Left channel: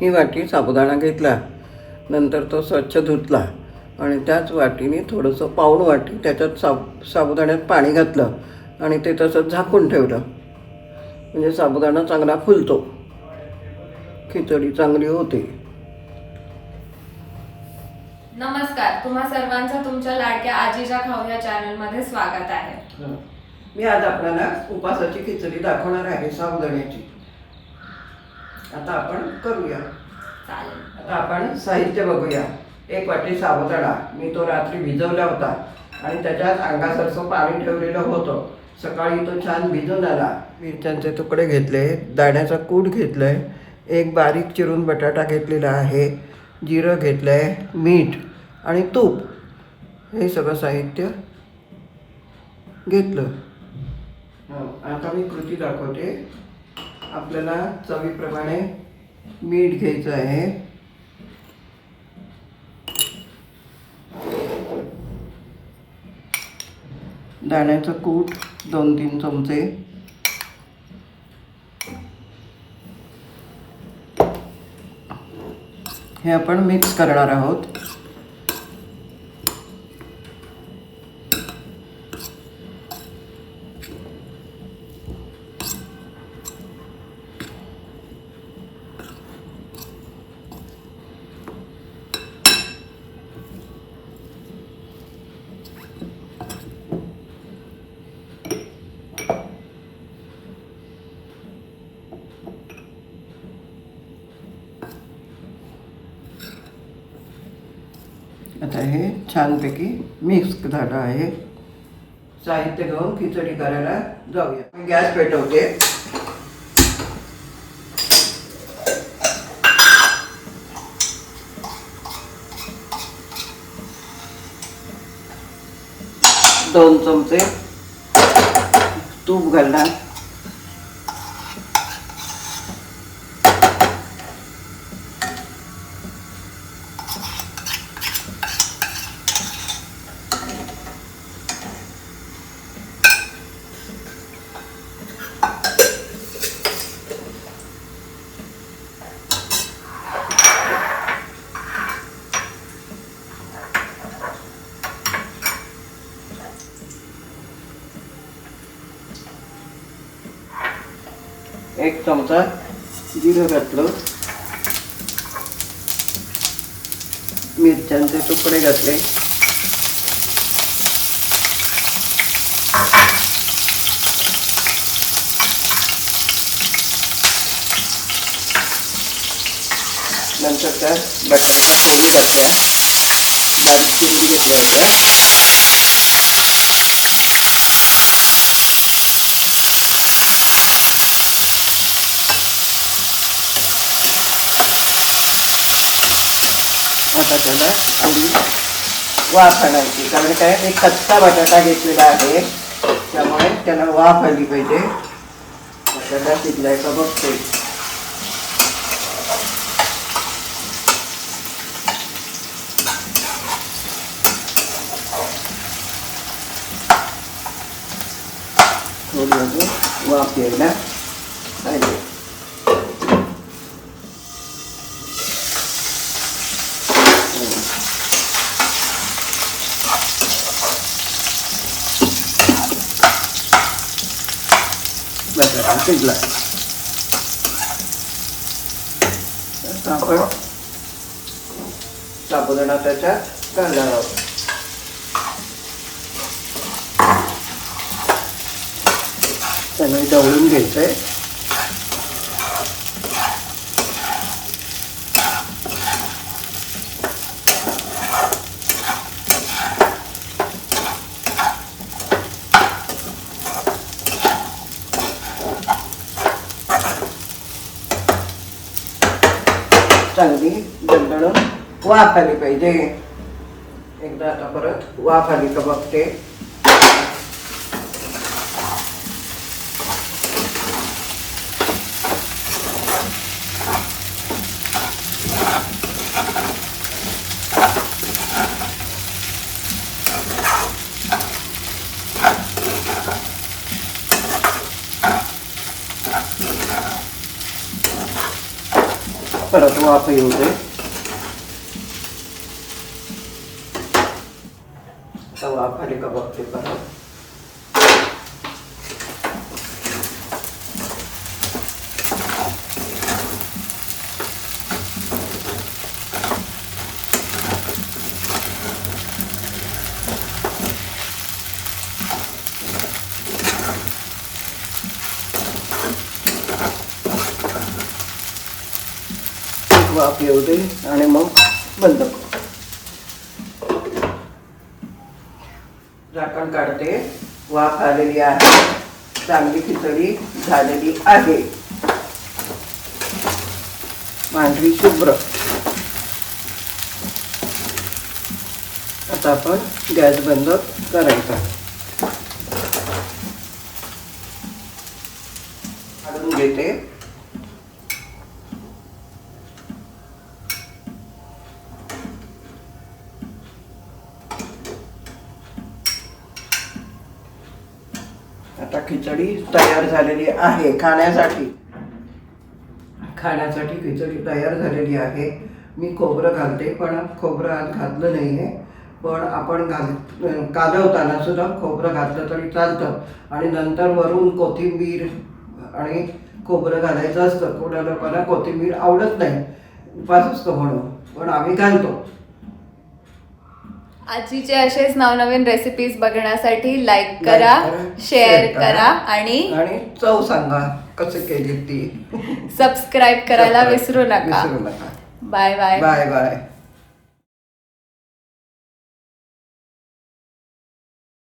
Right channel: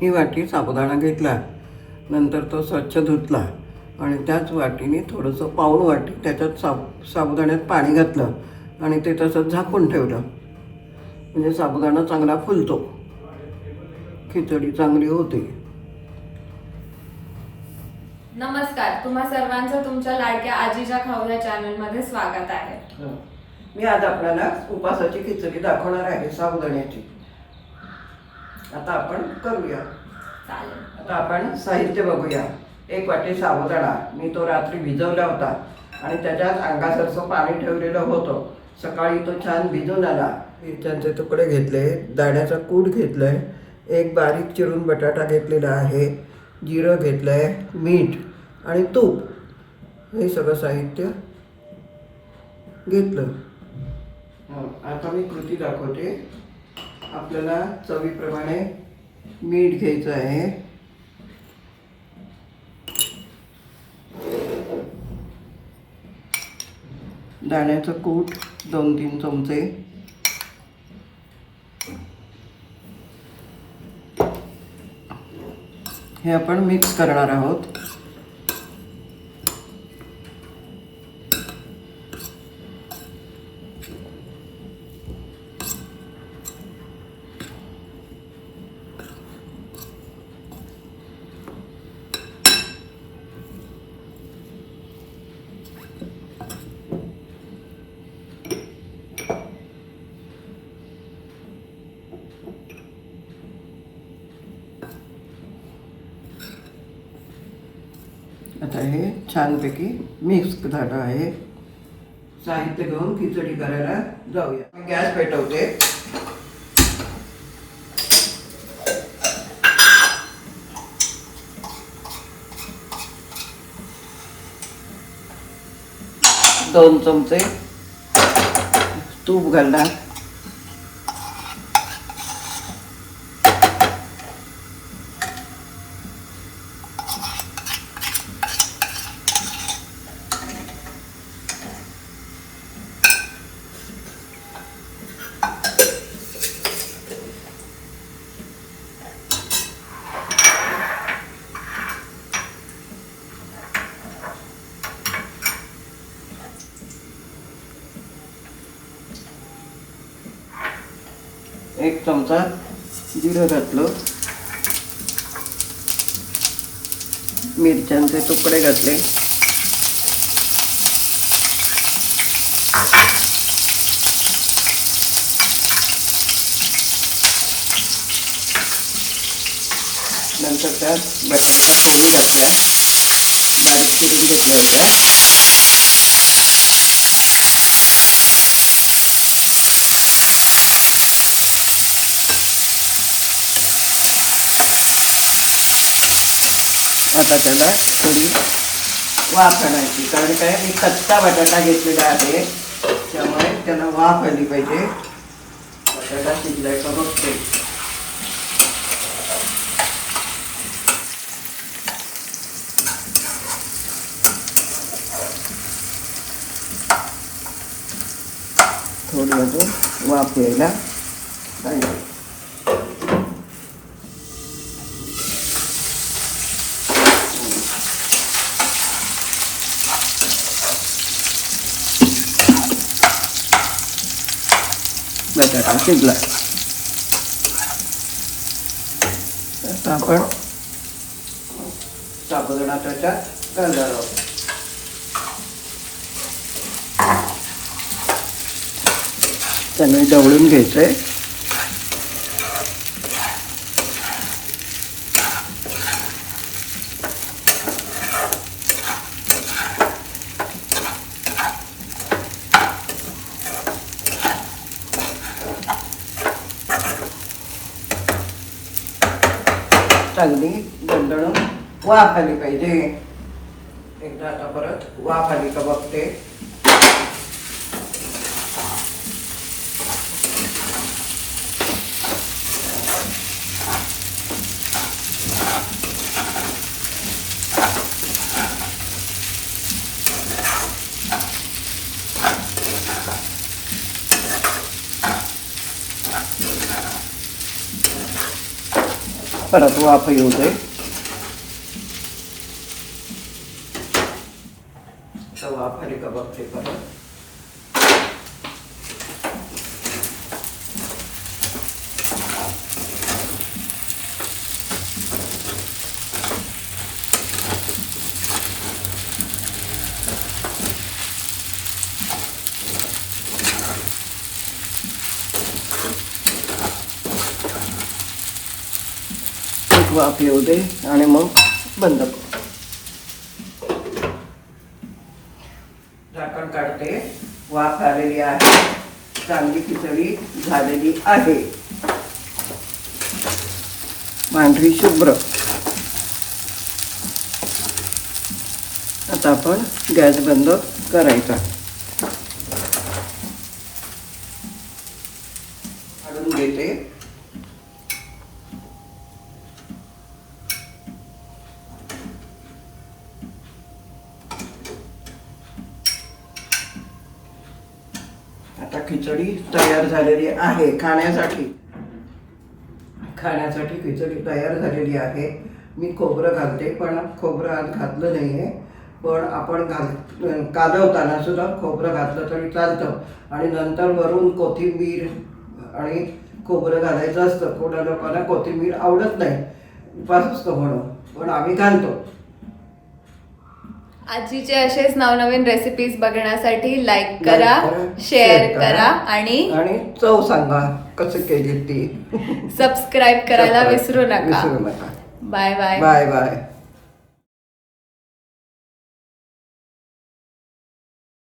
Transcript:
ही वाटी साबुदाणा घेतला, नंतर तो स्वच्छ धुतला आणि त्याच वाटीने थोडंसं पाऊण वाटी त्याच्यात साबुदाण्यात पाणी घातलं आणि ते तसंच झाकून ठेवलं. म्हणजे साबुदाणा चांगला फुलतो, खिचडी चांगली होते. नमस्कार, तुम्हा सर्वांचं तुमच्या लाडक्या आजीच्या खाऊ या चॅनलमध्ये स्वागत आहे. मी आज आपल्याला उपासाची खिचडी दाखवणार आहे, साबुदाण्याची. आता आपण करूया. चालेल. आता आपण साहित्य बघूया. 1 वाटी साबुदाणा, मी तो रात्री भिजवला होता आणि त्याच्यात अंगासारखं पाणी ठेवलेलं होतं. सकाळी तो छान भिजून आला. मिरच्यांचे तुकडे घेतले, दाण्याचा कूट घेतलाय, 1 बारीक चिरून बटाटा घेतलेला आहे, जिरं घेतलंय, मीठ आणि तूप, हे सगळं साहित्य घेतलं. आता मी कृती दाखवते. आपल्याला चवीप्रमाणे मीठ घ्यायचं आहे, दाण्याचं कूट 2-3 चमचे, हे आपण मिक्स करणार आहोत. आता हे छानपैकी मिक्स झालं आहे. साहित्य घेऊन खिचडी करायला जाऊया. मी गॅस पेटवते. दोन चमचे तूप घालणार, एक चमचा जिरं घातलं, मिरच्यांचे तुकडे घातले, नंतर त्यात बटाट्याच्या फोडी घातल्या, बारीक चिरून घेतल्या होत्या. आता त्याला थोडी वाफ आणायची, कारण काय मी कच्चा बटाटा घेतलेला आहे, त्यामुळे त्याला वाफ आली पाहिजे. त्याला शिजलाय का बघते. थोडं वाफ यायला पाहिजे. बटाटा शिजला. आपण साबुदाणा त्याच्यात घालणार आहोत. चांगली ढवळून घ्यायचंय. चांगली दणदणून वाफ आली पाहिजे. एकदा आता परत वाफ आली का बघते. परत वाफ येऊ दे. आता वाफ आली का बघते परत. वाफ येऊ दे आणि मग बंद करू. झाकण काढते. वाफ आलेली आहे. चांगली खिचडी झालेली आहे. पांढरी शुभ्र. आता आपण गॅस बंद करायचा. काढून घेते. आता खिचडी तयार झालेली आहे खाण्यासाठी. खिचडी तयार झालेली आहे. मी खोबरं घालते, पण खोबरं आज घातलं नाही आहे. पण आपण कालवताना सुद्धा खोबरं घातलं तरी चालतं. आणि नंतर वरून कोथिंबीर आणि खोबरं घालायचं असतं. कोणा लोकांना कोथिंबीर आवडत नाही, उपास असतो म्हणून, पण आम्ही घालतो. आजीचे असेच नवनवीन रेसिपीज बघण्यासाठी लाईक करा, शेअर करा आणि चव सांगा कशी केली ती. सबस्क्राईब करायला विसरू नका. विसरू नका. Bye bye. Bye bye.